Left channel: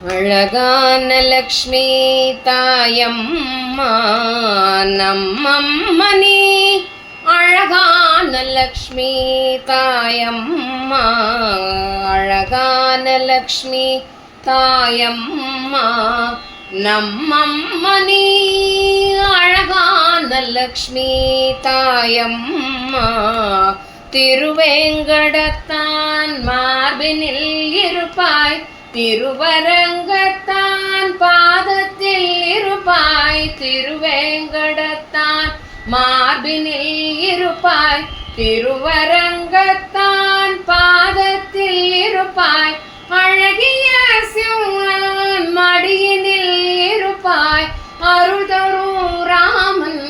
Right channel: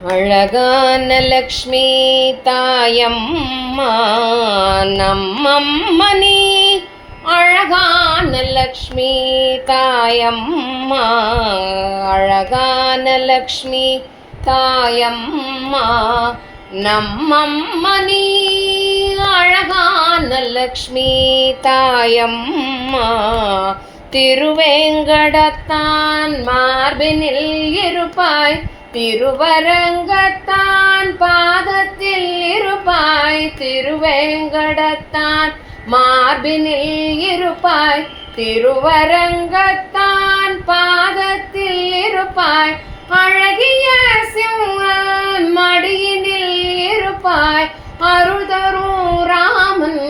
அழகான லக்ஷ்மி தாயம்மா நம்மம்மணி அழகான லக்ஷ்மி தாயம்மா அழகான லக்ஷ்மி தாயம்மா நம்மம்மனி அழகான லக்ஷ்மி தாயம்மா திருவேங்கடத்தான் மார்பினில் இருப்பாய். திருவரங்கத்தான் பாதத்தில் இருப்பாய் திருவேங்கடத்தான் மார்பினில் இருப்பாய் திருவரங்கத்தான் பாதத்தில் இருப்பாய் அழகிய சிவன் மடியினில் இருப்பாய் அருதரும் ராமன்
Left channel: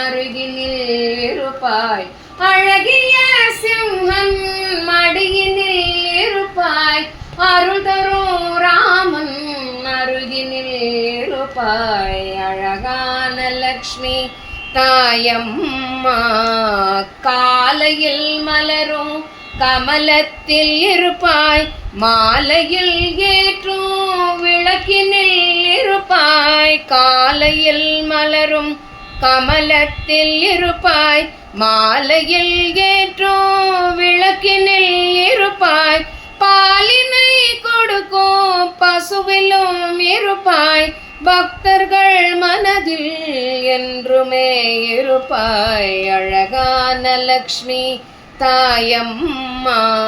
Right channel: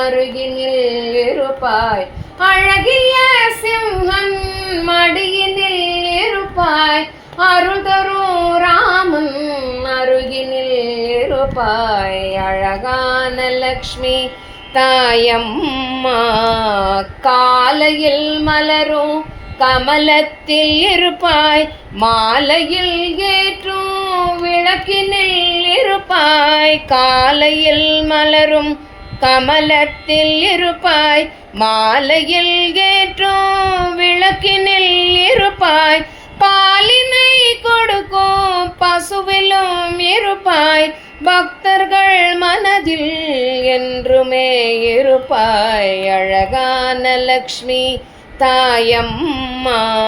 அருகினில் இருப்பாய் அழகிய சிவன் இருப்பாய் அழகான லக்ஷ்மி தாயம்மா. காலையில் மலரும் கமலத்தில் இருப்பாய். மாலையில் ஏற்றும் விளக்கினில் இருப்பாய். காலையில் மலரும் கமலத்தில் இருப்பாய். மாலையில் ஏற்றும் விளக்கினில் இருப்பாய். பசுவிலும் இருப்பாய். பக்தர்கள் மனதில் என்றுமே இருப்பாய். அழகான லக்ஷ்மி தாயம்மா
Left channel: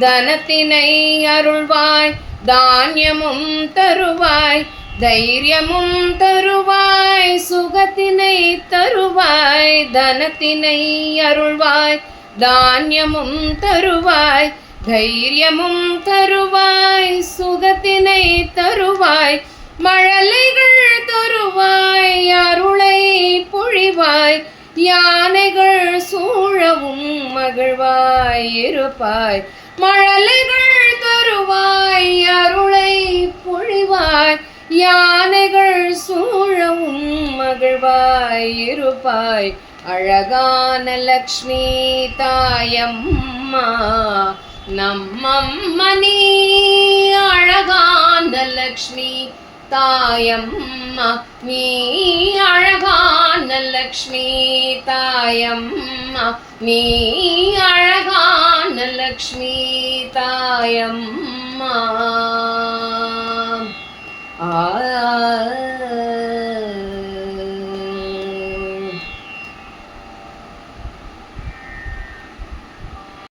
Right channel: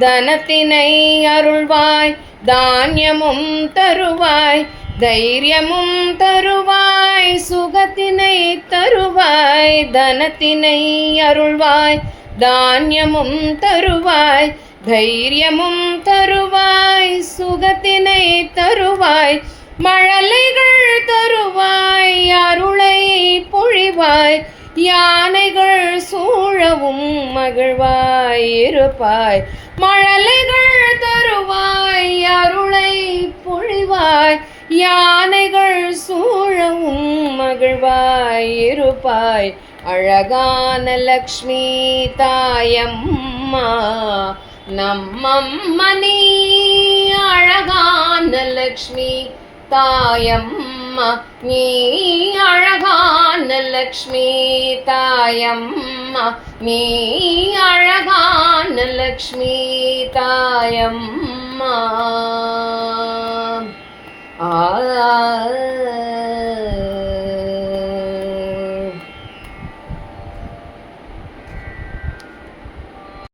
தனத்தினை அருள்வாய். தானியமும் தருவாய் தைரியமும் தருவாய். சுகத்தினை தருவாய் தனத்தினை அருள்வாய். தானியமும் தருவாய் தைரியமும் தருவாய் சுகத்தினை தருவாய் மழலைகள் தருவாய் அருளை பொழிவாய் யானைகள் சூழவும் மகிழ்வாய் இருப்பாய் மழலைகள் தருவாய் அருளை பொழிவாய் யானைகள் சூழவும் மகிழ்வாய் இருப்பாய் அழகான லக்ஷ்மி தாயம்மா நம்மம்மணி அழகான லக்ஷ்மி தாயம்மா நீ அழகான லக்ஷ்மி தாயம்மா நீ அழகான லக்ஷ்மி தாயம்மா